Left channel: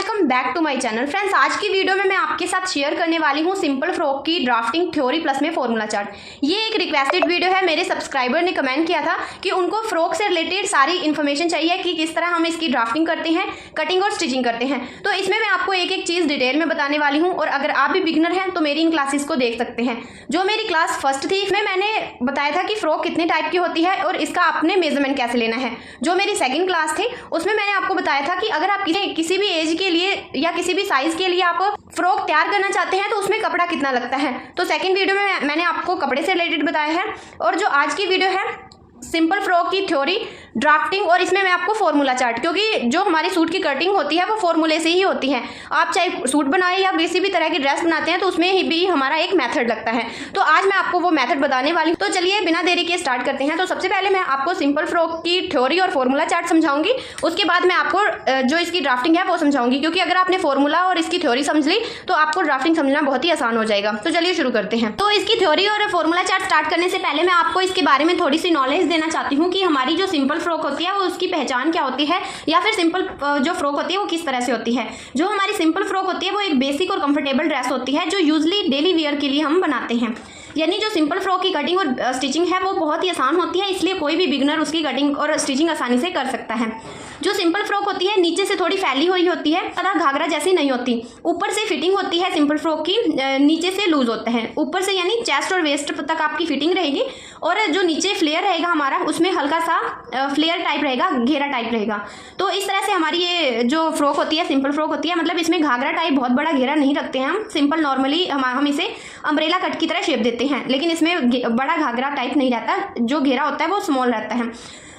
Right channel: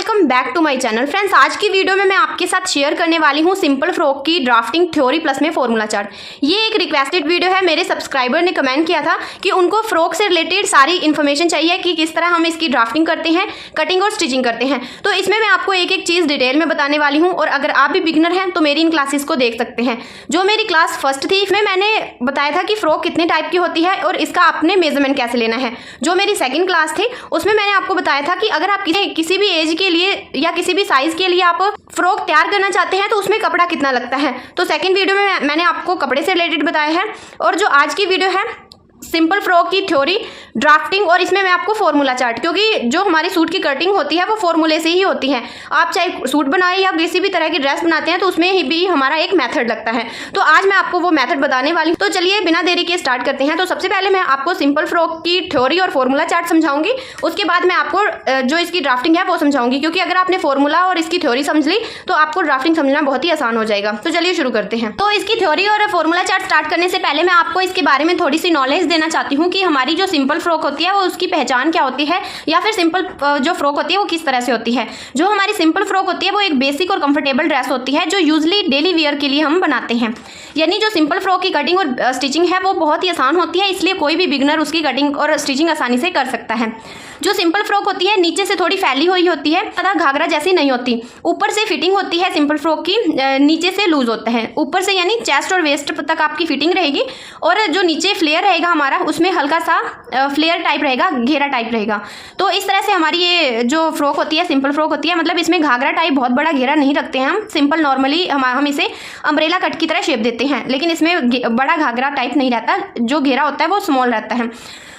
Welcome back to my channel. Friends, आज की video में मैं आपके साथ शेयर करने वाली हूं सिंपल फ्रॉक की ड्राफ्टिंग थ्योरी प्लस में फॉर्मूला चार्ट। ये एक रिक्वेस्टेड वीडियो है। मेरे सब्सक्राइबर ने कमेंट किया था कि उनको फ्रॉक से रिलेटेड सारी इन्फॉर्मेशन चाहिए कि किस तरह हम इसकी ड्राफ्टिंग करते हैं, कटिंग और स्टिचिंग करते हैं। तो इसमें मैं आपको एक एक चीज़ डिटेल में बताने वाली हूँ और अगर आप भी बिगिनर हैं तो मेरी इन क्लासेस को देख सकते हैं। जो मेरी क्लास फर्स्ट थी इसमें मैंने बताया था कि फ्रॉक कितने टाइप की होती है और इसका आपने मेजरमेंट कैसे लेना है। जो मेरी सेकंड क्लास थी उसमें मैंने आपको बताया था कि अगर आप किसी भी एज के लिए या किसी भी साइज के लिए आप फ्रॉक तैयार करना चाहते हैं तो उसमें कपड़ा कितना लगता है। तो सेकंड वीडियो में मैंने आपको कपड़े से रिलेटेड बताया है और जो आज की वीडियो है सिंपल फ्रॉक की थ्योरी ड्राफ्टिंग और इसमें मैं आपको फॉर्मूला चार्ट, क्योंकि जो हमारी सूट की कटिंग होती है वो फॉर्मूले से ही होती है। आप चाहे सूट बनाए या किसी भी तरह की ड्रेस बनाते हैं तो उसमें ही भी हमारा एक मेथड लगता है। तो आज मैं आपको वो मेथड बताने वाली हूँ। तो चलिए बिना देरी के स्टार्ट करते हैं। तो सबसे पहले मैं आपको सिंपल फ्रॉक की थ्योरी और फॉर्मूला चार्ट समझाऊंगी, उसके बाद मैं आपको जो इसकी ड्राफ्टिंग है वो समझाऊंगी, क्योंकि अगर आपने फॉर्मूला और इसकी थ्योरी समझ ली तो आपको ड्राफ्टिंग समझना बहुत ही आसान हो जाएगा। तो चलिए शुरू करते हैं। तो इसकी थ्योरी और फॉर्मूला चार्ट स्टार्ट करने से पहले मैं आपको इसके बारे में थोड़ी सी नॉलेज देना चाहती हूँ कि हमारी जो सिंपल फ्रॉक होती है वो उसकी पहचान क्या होती है, या फिर सिंपल जो फ्रॉक होती है वो किस तरह से होती है। जो हमारी सिंपल फ्रॉक होती है वो एक बेसिक और कंफर्टेबल ड्रेस होती है जो यूजली डेली वेयर के लिए हम बनाते हैं। यानी जो सिंपल फ्रॉक की कटिंग और स्टिचिंग है वो बहुत ही आसान होती है, इसलिए कोई भी बिगनर उसकी कटिंग और स्टिचिंग आसानी से कर सकता है। जो सिंपल फ्रॉक होती है नीचे से थोड़ी फैली हुई होती है, ज़्यादा घाघरा जैसी नहीं होती। ऊपर से फिटिंग होती है सिंपल फ्रॉक की, नीचे से लूज होता है। ऊपर से यानी चेस्ट और वेस्ट तक आपकी फिटिंग रहेगी और जो नीचे फ्लेयर रहेगा हमारा उसमें हल्का सा फ्लेयर टाइप रहेगा, घेरा टाइप रहेगा। तो इस तरह से हमारी ये जो फ्रॉक होती है सिंपल फ्रॉक होती है, मतलब इसमें घाघरा टाइप बहुत बड़ा घेरा नहीं रखते हैं हम। सिंपल नॉर्मली हम इसे अम्ब्रेला कट की तरह शेप देते हैं, लेकिन इसमें बड़ा घाघरा टाइप नहीं रहता। जो घेरा होता है वो स्मॉल रहता है।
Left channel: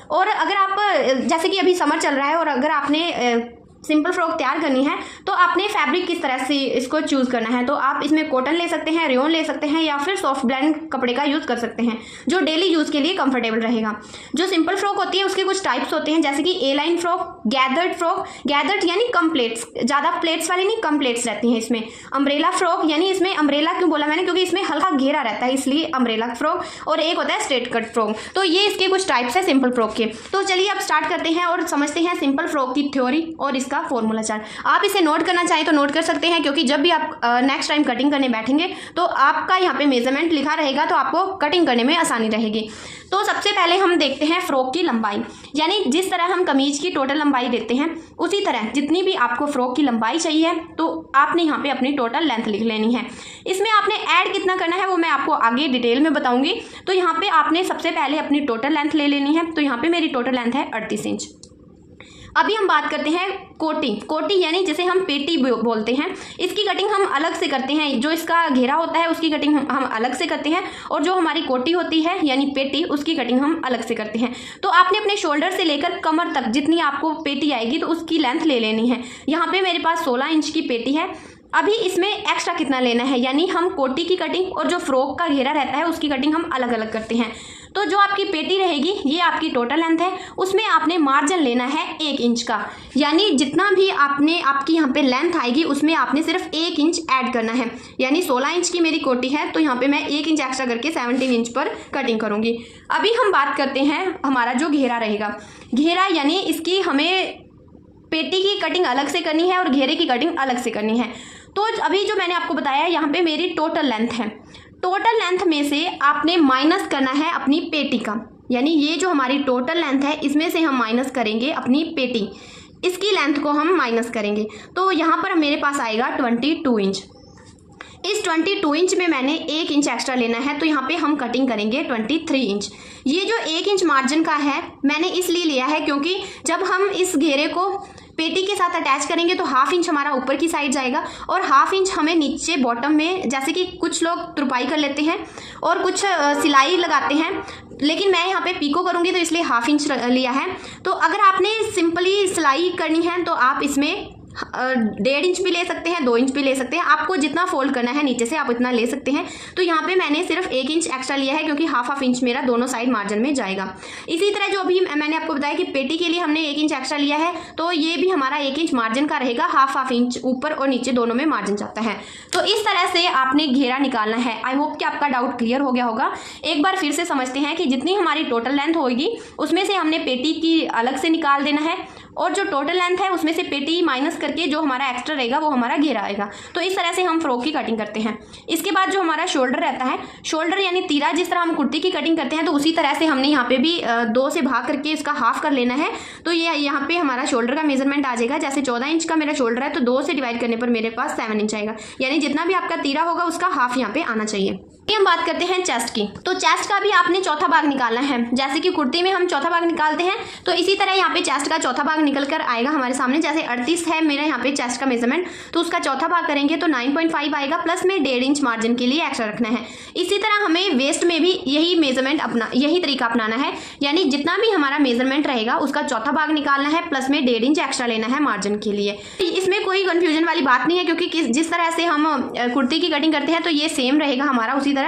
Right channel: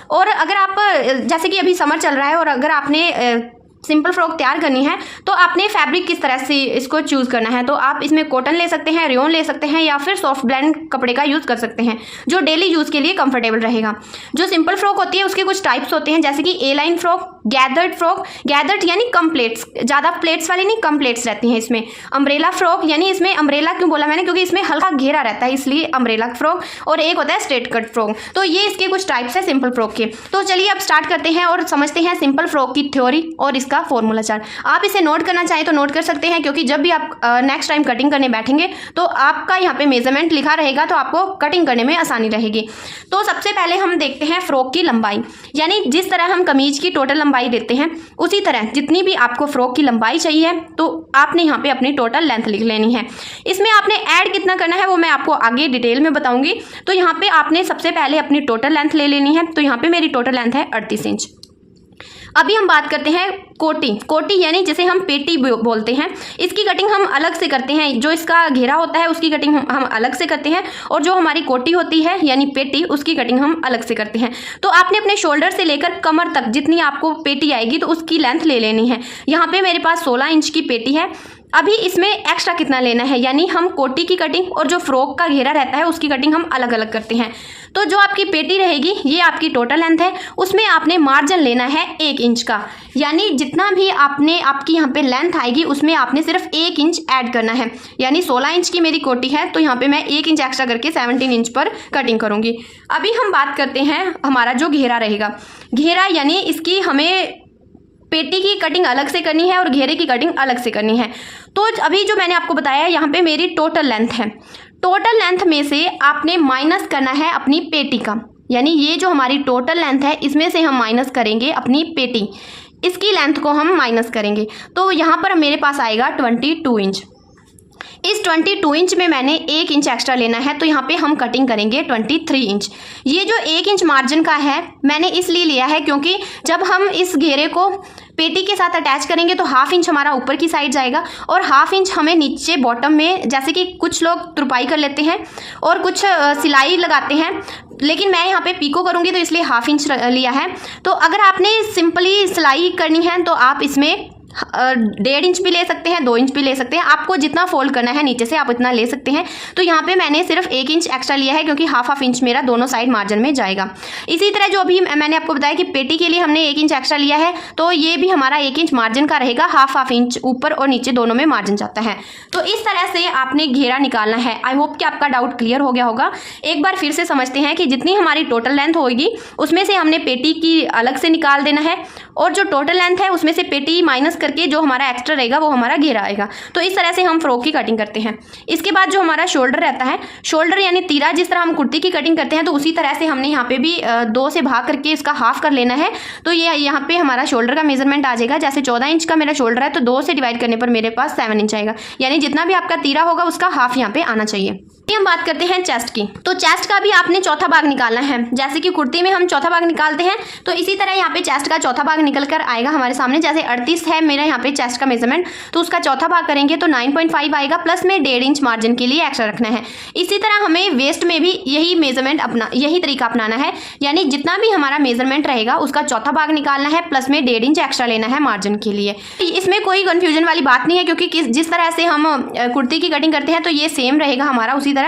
और अगर आप जैसे कि अभी समर चल रहा है और अगर आपने सिंपल फ्रॉक तैयार करनी है तो आपने फैब्रिक किस तरह से इसको चूज़ करना है। तो आप इसमें कॉटन ले सकते हैं, रेयॉन ले सकते हैं या फिर सॉफ्ट ब्लेंड कपड़े का यूज़ कर सकते हैं जो डेली यूज़ के लिए कंफर्टेबल रहेगा। जो सिंपल फ्रॉक होती है उसके कुछ टाइप्स होते हैं, जैसे कि A line frock, gathered frock, gathered यानी कम प्लेट्स, ज़्यादा प्लेट्स वाली नहीं, कम प्लेट्स रहती हैं इसमें। अम्ब्रेला फ्रॉक, यानी इसमें अम्ब्रेला क्यों बोला मैंने, क्योंकि इसमें हल्का घेरा रहता है इसलिए अम्ब्रेला फ्रॉक। और एक होता है स्ट्रेट कट फ्रॉक। तो ये इसके कुछ टाइप्स है सिंपल फ्रॉक के। तो चलिए अब स्टार्ट करते हैं और समझते हैं सिंपल फ्रॉक की थ्योरी और इसका फॉर्मूला चार्ट। आप इसे नोट करना चाहें तो नोट कर सकते हैं, क्योंकि जब भी आप नेक्स्ट टाइम कटिंग करने बैठेंगे तो आपका यहाँ पे मेजरमेंट लिखा रहेगा तो आपको कटिंग करने में आसानी रहेगी। तो सबसे पहले हम देखते हैं फ्रॉक की लंबाई, यानी जिस तरह हम कमीज की टोटल लंबाई देते हैं उसी तरह जितनी भी आपको फ्रॉक की लंबाई चाहिए तो आपने यहाँ पे अपनी टोटल लेंथ लिख लेनी है। इसमें आपने ऐड कितना करना है वो मैं आपको आगे डिटेल में बताऊंगी। तो यहाँ पे आपने सबसे पहले अपनी टोटल लेंथ ले लेनी है। तो यहाँ पे मेरी टोटल लेंथ है 38 इंच। अभी हम बात करते हैं कोटी। कोटी यानी जिसे हम पेटी बोलते हैं, इसकी कटिंग हम अलग से करते हैं। जो इसका घेरा होता है उसकी कटिंग हम अलग से करते हैं और जो हमारी कोटी होती है यानी पेटी उसकी कटिंग हम अलग से करते हैं। तो आपने अपने शोल्डर से लेकर कमर तक जितनी आपको पेटी आएगी तो उसकी लेंथ ले लेनी है। यहाँ पे मेरे पास 16 इंच की पेटी है। अभी इसमें एक्स्ट्रा कितना लेना है, यानी हम कोटी की कटिंग और जो फ्रॉक का घेरा रहता है उसकी कटिंग हम अलग अलग करते हैं। तो जो आपकी पेटी रहेगी ये आपकी टोटल लेंथ है, उसमें आपने मार्जिन लेना है 1 इंच का। यानी जितना भी आपकी यहाँ पे लेंथ आएगी उसमें आपने सिर्फ 1 इंच ऐड करना है। यानी 16 इंच की मेरी कोटी है तो यहाँ पे मैं 1 इंच एक्स्ट्रा करके 17 इंच पर कटिंग करूँगी। अभी हम बात करते हैं हमारा जो घेरा रहेगा। घेरा यानी इसकी हमें पेटी की कटिंग अलग से करनी है और घेरे की कटिंग अलग से करनी है। तो अभी जो मैंने आपको बताया यहाँ पे मेरी टोटल लेंथ है। टोटल लेंथ में से आपने माइनस करना है अपनी पेटी का, यानी ये जो हमारी टोटल लेंथ है इसमें से हम माइनस करेंगे अपनी पेटी, इसकी लेंथ को हम माइनस करेंगे। तो यहाँ पर मेरे पास आएगा 22 इंच। इस 22 इंच में मैंने 1 इंच एक्स्ट्रा लेना है तो यहाँ पे हम कटिंग करेंगे 23 इंच। ये जो 1 इंच मार्जिन का है मैंने इसलिए लिया है क्योंकि जब हम इस घेरे को पेटी के साथ अटैच करेंगे तो 1/2 इंच हमारा ऊपर की साइड जाएगा और 1/2 इंच हमें नीचे बॉटम में, जैसे कि कुछ लोग तुरपाई कर लेते हैं और कुछ सिलाई लगाते हैं, लेकिन मैं यहाँ पे पीको करूँगी तो इसलिए 1/2 इंच लिया है। तो अगर आपने सिंपली सिलाई करनी है तो आप इसमें 1.5 इंच भी ले सकते हैं, 2 इंच भी ले सकते हैं। आपको जितना फोल्ड करना है नीचे से आप इतना ले सकते हैं। तो यहाँ पे मैंने सिर्फ 1 इंच एक्स्ट्रा लिया है क्योंकि हाफ इंच मेरा दोनों साइड मार्जिन में जाएगा। इसी तरह जो अभी मैंने आपको बताया कि पेटी के लिए हमने 1 इंच एक्स्ट्रा लिया है तो ये भी हमारा 1 इंच मार्जिन का रहेगा। हाफ इंच ऊपर और नीचे दोनों में मार्जिन जाता है। तो इस तरह से आपने घेरा निकालना है। आई होप कि आपका डाउट क्लियर हो गया होगा। एक बार फिर से समझते हैं कि जितनी हमारी टोटल लेंथ होगी उसमें से हमने पेटी की अलग से निकाल देना है और जो टोटल लेंथ है उसमें से पेटी माइनस करके जो हमारा एक्स्ट्रा रहेगा वो हमारा घेरा आएगा। तो इस तरह से हम फ्रॉक की कटिंग करते हैं। इसके बाद जो हमारा शोल्डर रहता है, शोल्डर यानी तीरा, जिस तरह हम कुर्ती की कटिंग करते हैं तो उसी तरह से हमने यहाँ पे भी 2 से भाग करके इसका हाफ कर लेना है। तो ये यहाँ पे हमारा शोल्डर का मेजरमेंट आ जाएगा। जैसे 14 इंच का मेरा शोल्डर है तो 2 से डिवाइड करने पर मेरे पास 7 इंच आएगा, यानी जितना भी आपका तीरा होगा उसका हाफ यहाँ पे आना चाहिए। हम बात करते हैं चेस्ट की। तो चेस्ट का भी आपने चौथा भाग निकालना है। जैसे कि कुर्ती में हम चौथा भाग निकालते हैं तो इसी तरह यहाँ पे चेस्ट का चौथा भाग निकल कर आएगा हमारे सामने। जैसे 38 है मेरा यहाँ पे चेस्ट का मेजरमेंट, तो उसका चौथा भाग करेंगे तो 9.5 आएगा, प्लस में 1.5 इंच मार्जिन के लिए एक्स्ट्रा रखना है। इसी तरह हमें वेस्ट में भी यही मेजरमेंट यही तरीका अपनाना है, यानी जितना भी हमारा मेजरमेंट रहेगा उसका चौथा भाग निकालना है, प्लस में 1.5 इंच एक्स्ट्रा लेना है मार्जिन के लिए। इसमें कोई कंफ्यूजन वाली बात नहीं है, क्योंकि जिस तरह से हम कुर्ती की कटिंग करते हैं तो ये सेम रहेगा हमारा उसी तरह।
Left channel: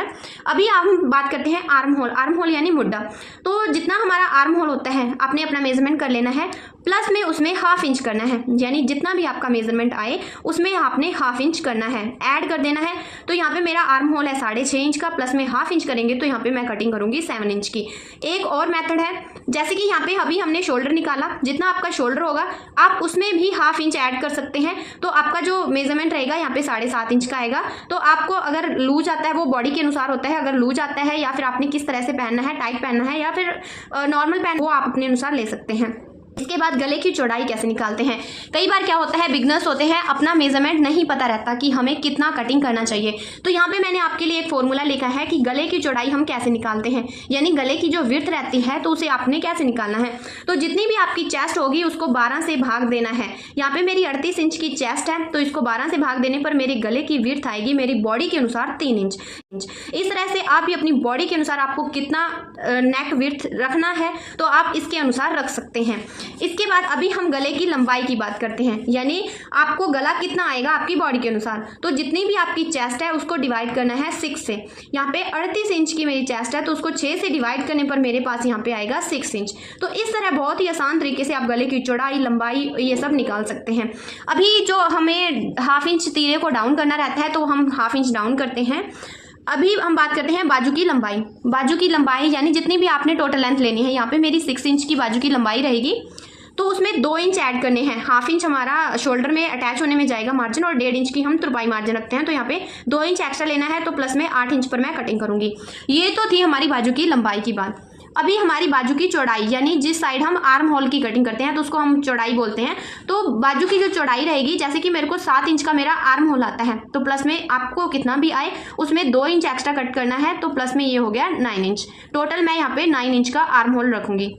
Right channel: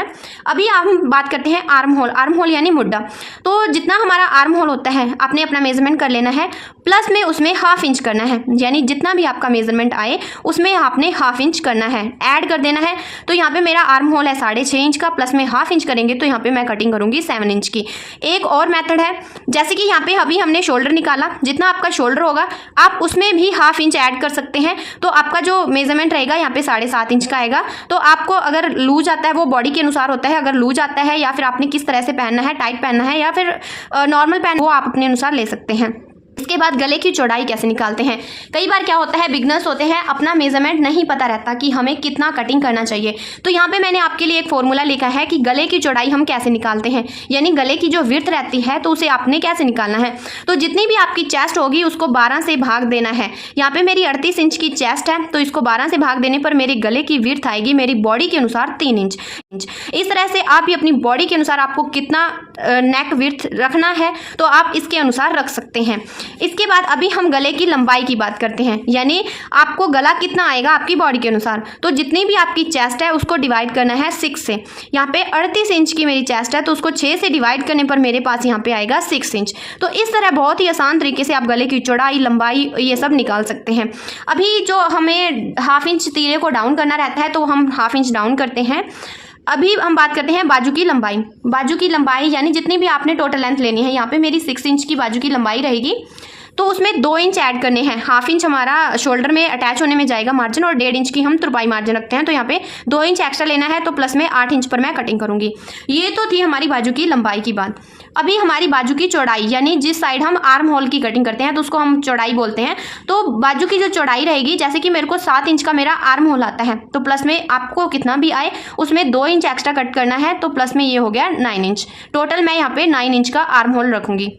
अभी हम बात करते हैं आर्म होल। आर्म होल यानी मुड्ढा। तो जितना हमारा आर्म होल होता है आपने अपना मेजरमेंट कर लेना है, प्लस में उसमें हाफ इंच करना है, यानी जितना भी आपका मेजरमेंट आए उसमें आपने हाफ इंच करना है, ऐड कर देना है। तो यहाँ पे मेरा आर्म होल है 6.5 इंच का, प्लस में हाफ इंच करेंगे तो यहाँ पे मैं कटिंग करूंगी 7 इंच की। एक और मेथड है, जैसे कि यहाँ पे अभी हमने शोल्डर निकाला, जितना आपका शोल्डर होगा आप उसमें भी हाफ इंच ऐड कर सकते हैं। तो आपका जो मेजरमेंट रहेगा यहाँ पे 7.5 इंच का आएगा। तो आपको अगर लूज आता है, वो बॉडी के अनुसार होता है, अगर लूज आता है या फिर आपने किस तरह से पहनना है, टाइट पहनना है या फिर नॉर्मल पहन, वो आप अपने अनुसार ले सकते हैं। इसके बाद गले की चौड़ाई कैसे निकालते हैं। कई बार क्या होता है, बिगनर्स होते हैं, अपना मेजरमेंट नहीं पता रहता कि हमें कितना कटिंग करना चाहिए। तो यहाँ पे मैंने आपके लिए एक फॉर्मूला लिखा है कि गले की चौड़ाई हम कैसे निकालते हैं, यानी गले की जो विड्थ रहती है तो उसे आपने कैसे निकालना है। तो जितनी भी आपकी चेस्ट होगी उसको 12 से भाग देना है। यहाँ पे मेरी 38 इंच की चेस्ट है, तो इसको 12 से भाग देने पर मेरे गले की विड्थ आएगी मेरी बॉडी के अनुसार 3 इंच। इस तरह से आप भी अपनी बॉडी के अनुसार आपको कितना नेक विड्थ रखना है तो आप इसके अनुसार रख सकते हैं। इसके बाद अभी हम गले की लंबाई की बात करते हैं, यानी आपको गला कितना आएगा आपकी बॉडी के अनुसार। तो जितनी भी आपकी चेस्ट है उसको डिवाइड करना है 6 से। यहाँ पे 38 इंच की मेरी चेस्ट है तो उसको 6 से डिवाइड करने पर मेरे पास यहाँ पे आएगा 6 इंच। तो इस तरह बहुत ही आसान तरीके से आप गले की चौड़ाई, लंबाई ये सब निकाल सकते हैं। अभी जो हमें हाफ इंच तीरे को डाउन करना रहता है तो हम हाफ इंच डाउन करते हैं। अभी हम बात करते हैं बाजू की लंबाई। बाजू की लंबाई यानी जितनी भी आपने टोटल लेंथ लेनी है, यहाँ पे मेरी 6 इंच की बाजू की लंबाई रहेगी, तो उसमें 2 इंच ऐड करने हैं। हाफ इंच हमारा शोल्डर में अटैच होने में जाएगा मार्जिन, और 1.5 इंच की हम तुरपाई मार्जिन रखते हैं, तो यहाँ पे 2 इंच एक्स्ट्रा लेना है, तो प्लस में 8 इंच पर मैं कटिंग करूंगी। ये तो थी हमारी बाजू की लंबाई की बात। अभी हमारी बाजू की चौड़ाई, यानी जिस साइड हम आर्म होल की कटिंग करते हैं तो उसको हम चौड़ाई बोलते हैं। तो बाजू की जो चौड़ाई रहेगी, जैसे कि मेरे को 7 इंच का मेरा आर्म होल आता है, तो प्लस में आपको कितना भी आए उसमें 2 इंच एक्स्ट्रा कट करना है, तो प्लस में ये हो गया 9 इंच। टोटल मैं यहाँ पे 9 इंच का आर्म होल रखूंगी।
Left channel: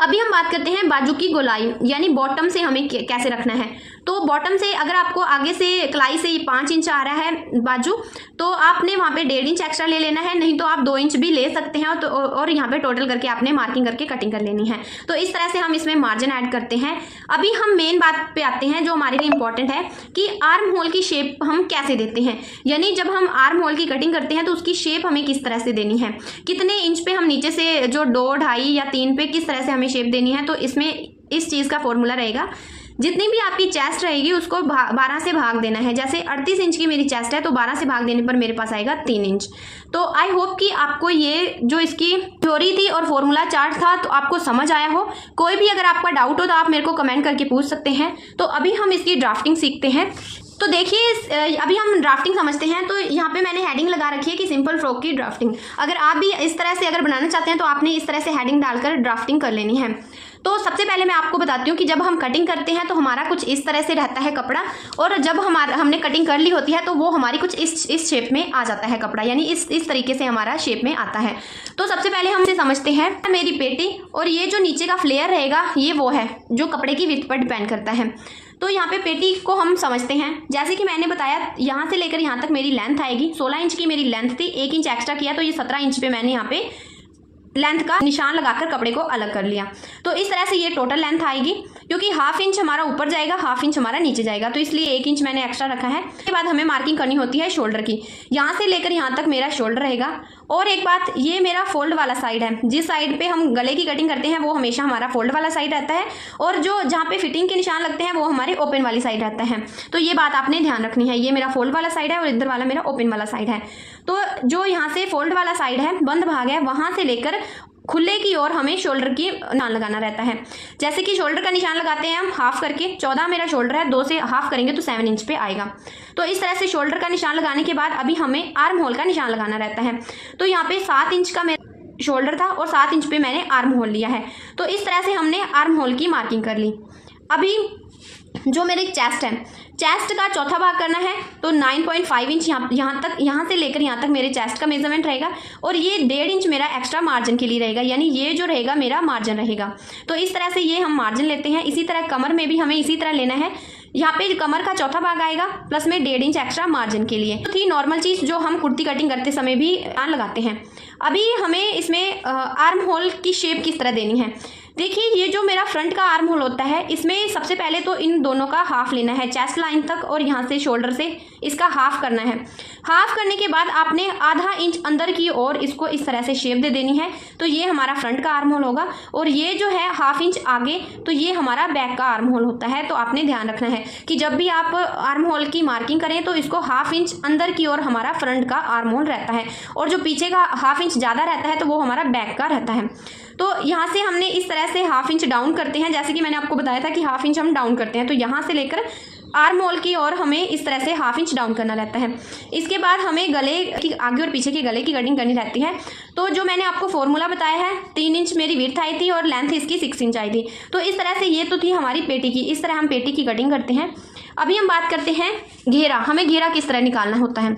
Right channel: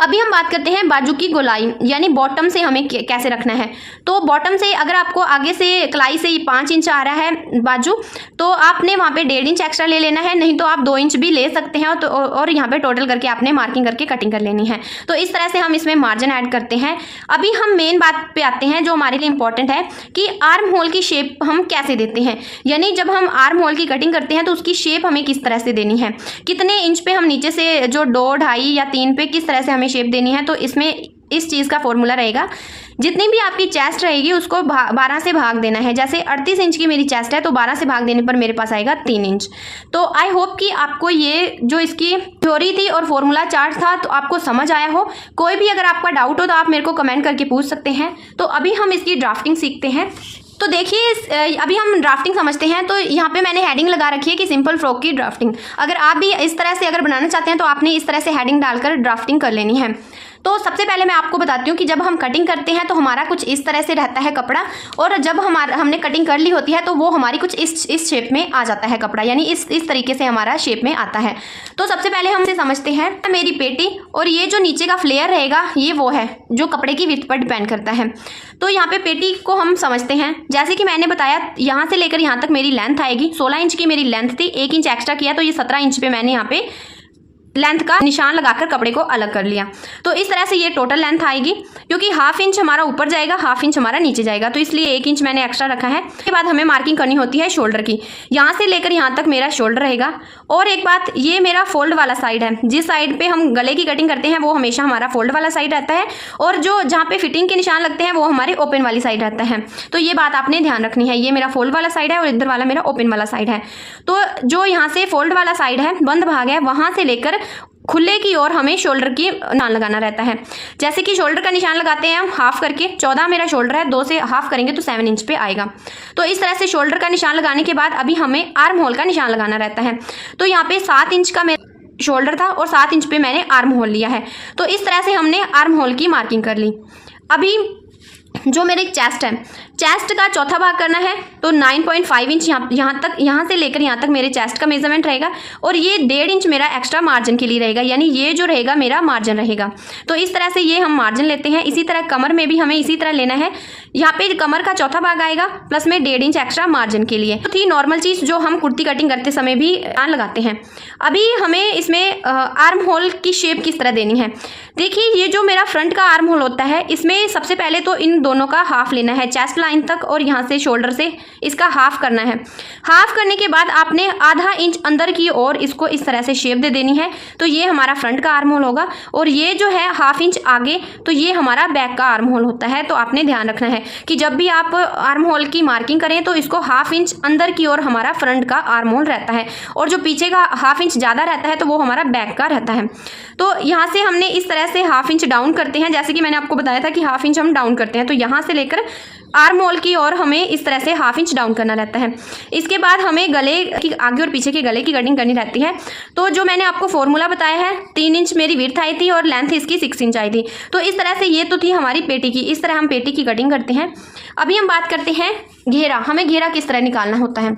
अभी हम बात करते हैं बाजू की गोलाई, यानी बॉटम से हमें कैसे रखना है। तो बॉटम से अगर आपको आगे से कलाई से 5 इंच आ रहा है बाजू, तो आपने वहाँ पे 1.5 इंच एक्स्ट्रा ले लेना है, नहीं तो आप 2 इंच भी ले सकते हैं। तो और यहाँ पे टोटल करके आपने मार्किंग करके कटिंग कर लेनी है। तो इस तरह से हम इसमें मार्जिन ऐड करते हैं। अभी हम मेन बात पे आते हैं जो हमारे लिए इंपॉर्टेंट है कि आर्म होल की शेप हम कैसे देते हैं, यानी जब हम आर्म होल की कटिंग करते हैं तो उसकी शेप हमें किस तरह से देनी है, कितने इंच पे हम नीचे से जो 2, 2.5 या 3 पे किस तरह से हमें शेप देनी है। तो इसमें इस चीज़ का फॉर्मूला रहेगा, जितनी भी आपकी चेस्ट रहेगी उसको 12 से भाग देना है। जैसे 38 इंच की मेरी चेस्ट है तो 12 से भाग देने पर मेरे पास आएगा 3 इंच। तो आई होप कि आपको ये जो इसकी थ्योरी थी और फॉर्मूला चार्ट था तो आपको समझ आया हो। कोई भी अगर आपका डाउट हो तो आप मेरे को कमेंट करके पूछ सकते हैं। तो अभी हम इसकी ड्राफ्टिंग सीखते हैं। तो देखिए अभी हम ड्राफ्टिंग समझते हैं। तो यहाँ पे मैंने हेडिंग लगा रखी है कि सिंपल फ्रॉक की ड्राफ्टिंग। अगर आप भी इस तरह से अगर बनाना चाहते हैं तो आपने इस तरह से हेडिंग डालकर ड्राफ्टिंग कर लेनी है। तो सबसे पहले मैं आपको बताती हूँ कि जब हम कटिंग करते हैं तो हमारा कुछ इस तरह से रहता है कपड़ा, और जब हमने कटिंग कर ली होती है तो वो हमारी कुछ इस शेप में आ जाता है कपड़ा, यानी इस तरीके से हमारा शेप में आता है। तो सबसे पहले हम इसे समझते हैं। तो मेरी पेटी और ये जो नीचे का फ्लेयर रहेगा ये वो है जो कपड़े की विड्थ पर डिपेंड करता है। तो यहाँ पे पेटी को हम समझते हैं। जैसे कि मैंने बताया यहाँ से लेकर यहाँ तक मेरी लेंथ आएगी। 16 इंच की मेरी लेंथ थी, 1 इंच एक्स्ट्रा किया तो ये 17 इंच पे मैंने यहाँ पे लेंथ का निशान लगाकर कपड़े को अलग कर लिया। तो इस तरह से ये टोटल लेंथ आएगी, क्योंकि हाफ इंच हमारा ऊपर जाएगा, हाफ इंच हमारा नीचे जाएगा, तो इसलिए 1 इंच मैंने एक्स्ट्रा रखा है। उसके बाद हमें मार्किंग करनी होती है शोल्डर की। यहाँ से लेकर यहाँ तक मेरा शोल्डर रहेगा। और एक बात, ये मेरा फोल्ड वाला साइड है। जिस साइड पे हम गले की कटिंग करते हैं वो हमेशा हमारा फोल्ड वाला साइड रहता है, और जो जहाँ पे फिटिंग के निशान लगते हैं वो हमारे ओपन वाली साइड रहता है। तो ये बात आपने ध्यान रखनी है। ये मेरा फोल्ड वाला साइड है और इधर वाला मेरा ओपन वाला साइड है। तो जो यहाँ से फोल्ड वाला साइड है, बंद भाग है, वहाँ से लेकर खुले की ओर हमें शोल्डर की निशान लगाना रहता है। जैसे कि शोल्डर का निशान लगाते हैं हम हाफ करके, 14 मेरा शोल्डर है, 2 से हाफ करेंगे तो 7 इंच पे आएगा। तो इस तरह से शोल्डर का निशान लगाने के बाद अभी हमें आर्म होल का निशान लगाना रहता है। तो यहाँ पे 7 इंच का मेरा शोल्डर था और 7 इंच पे मैंने आर्म होल लिया है। तो इस तरह से हमने आर्म होल की मार्किंग कर ली। अभी जो मेरे चेस्ट है, चेस्ट का चौथा भाग करना है तो 9.5 इंच यहाँ से लेकर यहाँ तक मेरे चेस्ट का मेजरमेंट रहेगा और ये 1.5 इंच मेरा एक्स्ट्रा मार्जिन के लिए रहेगा, यानी ये जो रहेगा मेरा मार्जिन रहेगा। तो इस तरह से ये हम मार्जिन लेते हैं। इसी तरह कमर में भी हमें इसी तरह लेना है। यहाँ पे कमर का चौथा भाग आएगा प्लस में 1.5 इंच एक्स्ट्रा मार्जिन के लिए। तो थी नॉर्मल चीज़ जो हम कुर्ती कटिंग करते समय भी लगाते हैं। अभी हमें इसमें आर्म होल की शेप किस तरह देनी है। देखिए, ये जो मेरा फ्रंट का आर्म होल होता है इसमें सबसे पहले तो इन दोनों का हाफ लेना है, चेस्ट लाइन तक और यहाँ से शोल्डर से इसका हाफ करना है। हाफ करने के बाद आपने आधा इंच अंदर की ओर इसको इस तरह से शेप दे देनी है। तो ये हमारा फ्रंट का आर्म होल होगा और ये जो है हाफ इंच आगे तो ये हमारा बैक का आर्म होल होता है। तो आपने ध्यान रखना है कि जब भी आप आर्म होल की मार्किंग करें तो इसको हाफ इंच अंदर की ओर हमारा फ्रंट का आर्म होल रहता है और जो पीछे का हाफ इंच ज़्यादा रहता है तो वो हमारा बैक का रहता है। तो यहाँ से हमने इस तरह से हाफ इंच डाउन करते हैं, जैसे कि मैंने आपको बताया था कि हाफ इंच हम डाउन करते हैं। तो यहाँ से लेकर आर्म होल की ओर हमें इस तरह से हाफ इंच डाउन करना रहता है। इसके बाद हमें गले की आगे और पीछे के गले की कटिंग करनी रहती है। तो जो मैंने आपको फॉर्मूला बताया है, 3 इंच मेरी विड्थ आई थी और लेंथ इसकी 6 इंच आई थी। तो इस तरह से ये तो थी हमारी पेटी की। इस तरह हम पेटी की कटिंग करते हैं। अभी हम बात करते हैं घेरा। हमें घेरा किस तरह निकालना होता है।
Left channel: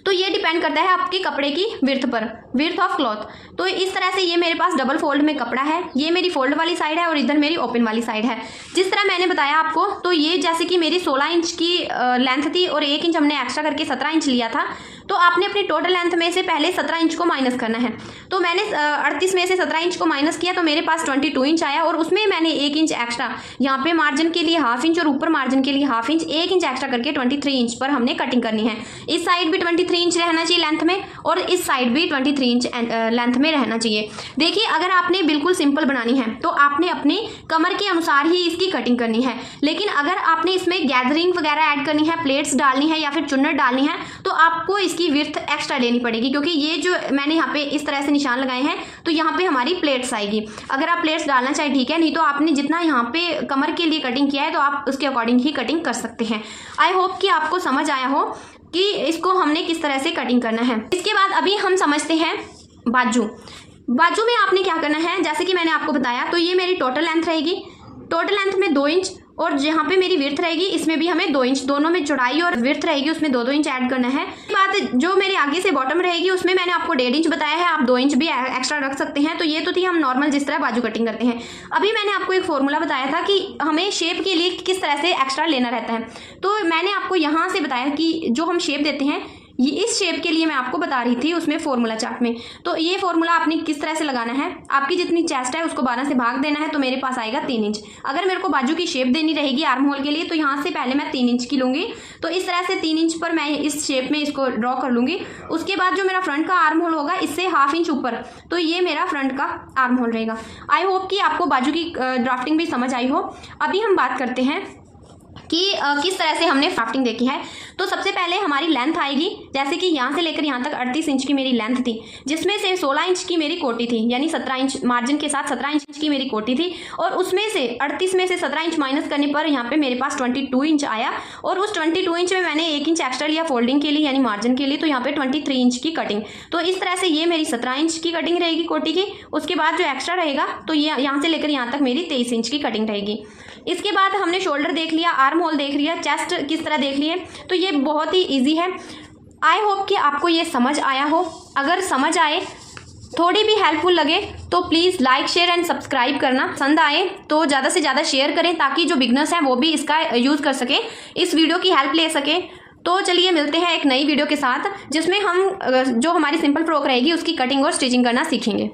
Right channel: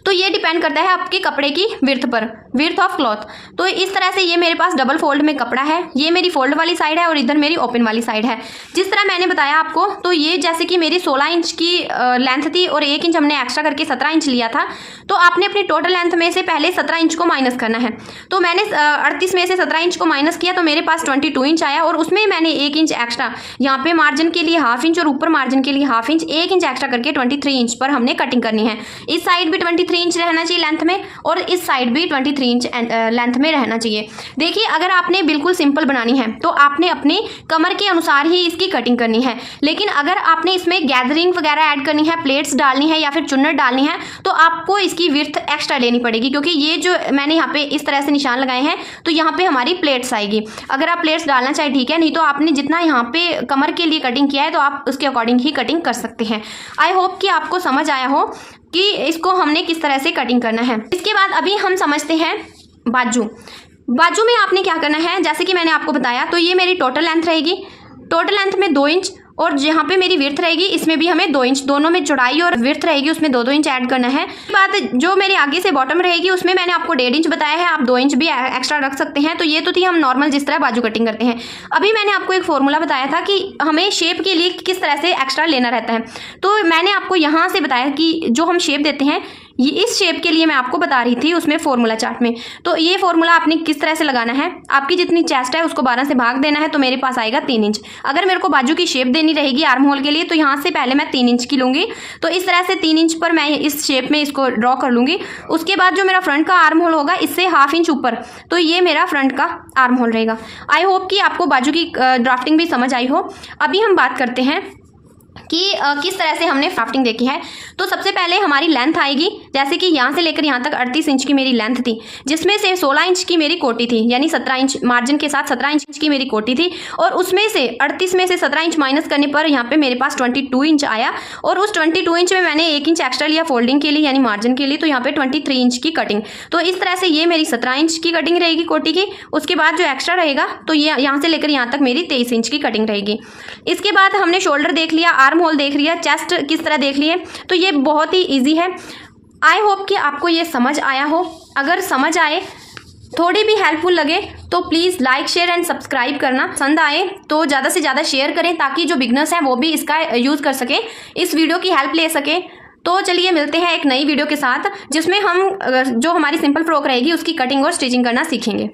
तो ये डिपेंड करता है आपके कपड़े की विड्थ पर, विड्थ ऑफ क्लॉथ। तो इस तरह से ये मेरे पास डबल फोल्ड में कपड़ा है, ये मेरी फोल्ड वाली साइड है और इधर मेरी ओपन वाली साइड है। जिस तरह मैंने बताया आपको, तो ये जैसे कि मेरी 16 इंच की लेंथ थी और 1 इंच हमने एक्स्ट्रा करके 17 इंच लिया था। तो आपने अपनी टोटल लेंथ में से पहले 17 इंच को माइनस करना है। तो मैंने 38 में से 17 इंच को माइनस किया तो मेरे पास 22 इंच आया और उसमें मैंने 1 इंच एक्स्ट्रा यहाँ पे मार्जिन के लिए हाफ इंच और ऊपर मार्जिन के लिए हाफ इंच, 1 इंच एक्स्ट्रा करके 23 इंच पर हमने कटिंग करनी है। इस साइड भी 23 इंच रहना चाहिए लेंथ में और इस साइड भी 23 इंच लेंथ में रहना चाहिए। देखिए, अगर आपने बिल्कुल सिंपल बनानी है तो आपने अपने कमर के अनुसार ही इसकी कटिंग करनी है। लेकिन अगर आपने इसमें गैदरिंग वगैरह ऐड करनी है, प्लेट्स डालनी है या फिर चुन्नट डालनी है, तो आपको इसकी विड्थ एक्स्ट्रा लेनी पड़ेगी, क्योंकि ये जो मैंने यहाँ पे इस तरह से निशान लगाए हैं तो यहाँ पे हमारी प्लेट्स आएगी। अगर आप प्लेट्स डालना चाहे ठीक है, नहीं तो आपने जितना यहाँ पे कमर के लिए कटिंग किया है तो आप उसके अकॉर्डिंग ही कटिंग कर सकते हैं। आई होप कि आपको समझ आया हो कि इसको हमने किस तरह से कटिंग करना है। इसके बाद अभी हम समझते हैं बाजू। बाजू में आपने क्या करना है, जैसे कि मैंने आपको बताया, तो ये मेरी टोटल लेंथ रहेगी। टोटल लेंथ में 2 इंच और जहाँ पे मेरी विड्थ रहेगी इसमें भी हमें 2 इंच, दोनों में चौड़ाई और विड्थ रहेगी उसमें 2-2 इंच ऐड करना है। बात जो मेरे आगे से बॉटम रहेगी उसमें मैंने आपको 1.5 इंच बताया है, आप 2 इंच भी एक्स्ट्रा रख सकते हैं। तो ये तो थी हम नॉर्मल जिस तरह बाजू कटिंग करते हैं। अभी मैंने आपको एक फॉर्मूला बताया था कि हमें शेप के लिए किस तरह से एक्स्ट्रा लेना रहता है। तो मैंने आपको यहाँ से बताया कि जो हम शेप देते हैं, ये इस शेप के लिए मैं आपको बता रही थी उसमें फॉर्मूला चार्ट में। तो ये फॉर्मूला आपने किस तरह से लगाना है, आपकी जितनी चेस्ट है उसको 12 से भाग देना है तो मेरे पास आएगा 3 इंच। अगर मेरे को बाजू की शेप देनी रहेगी आर्म होल के लिए तो यहाँ से पहले मैं 3 इंच की लूँगी। तो इस तरह से 3 इंच पर मैं इस शेप में इसको ड्रॉ कर लूँगी। उसके बाद जो मेरा फ्रंट का आर्म होल होगा इससे हाफ इंच ऊपर, तो ये मेरा फ्रंट का आर्म होल रहेगा। आई होप कि आपको बाजू की ड्राफ्टिंग भी समझ आई हो। अभी हम बात करते हैं कि किस तरह से हमने ड्राफ्टिंग देखी है। तो सबसे पहले हमारी लेंथ आएगी, जैसे कि यहाँ से लेकर यहाँ तक 38 इंच की मेरी लेंथ थी, जिसमें से 16 इंच की मेरी कोटी थी, यानी 17 इंच मार्जिन के साथ 17 इंच की मेरी कोटी थी। और उसमें से 38 में से 17 इंच माइनस करने पर यहाँ पे मेरे पास 22 इंच आया और उस 22 इंच में मैंने 1 इंच एक्स्ट्रा लिया फोल्डिंग के लिए, यानी मार्जिन के लिए। तो यहाँ पे 23 इंच की कटिंग। तो इस तरह से ये मेरी 17 इंच की कटिंग रहेगी कोटी की। उसके बाद जो एक्स्ट्रा रहेगा तो ये यहाँ से लेकर यहाँ तक मेरी 23 इंच की कटिंग रहेगी। इसके बाद हमने शोल्डर देख लिया, आर्म होल देख लिया, चेस्ट किस तरह देख लिए। तो ये बहुत ही इजी है। आई होप कि आपको ये समझ आया हो। अगर समझ आए, थोड़ी भी हेल्पफुल लगे तो please like share and subscribe करना। पसंद आए तो ज़्यादा से ज़्यादा शेयर करें ताकि जो बिगनर्स हैं वो भी इसका यूज़ कर सकें, इस वीडियो की हेल्प ले सकें। तो चलिए मिलते हैं एक नई वीडियो के साथ जिसमें हम जो हमारी सिंपल फ्रॉक रहेगी उसकी कटिंग और स्टिचिंग करना सीखेंगे।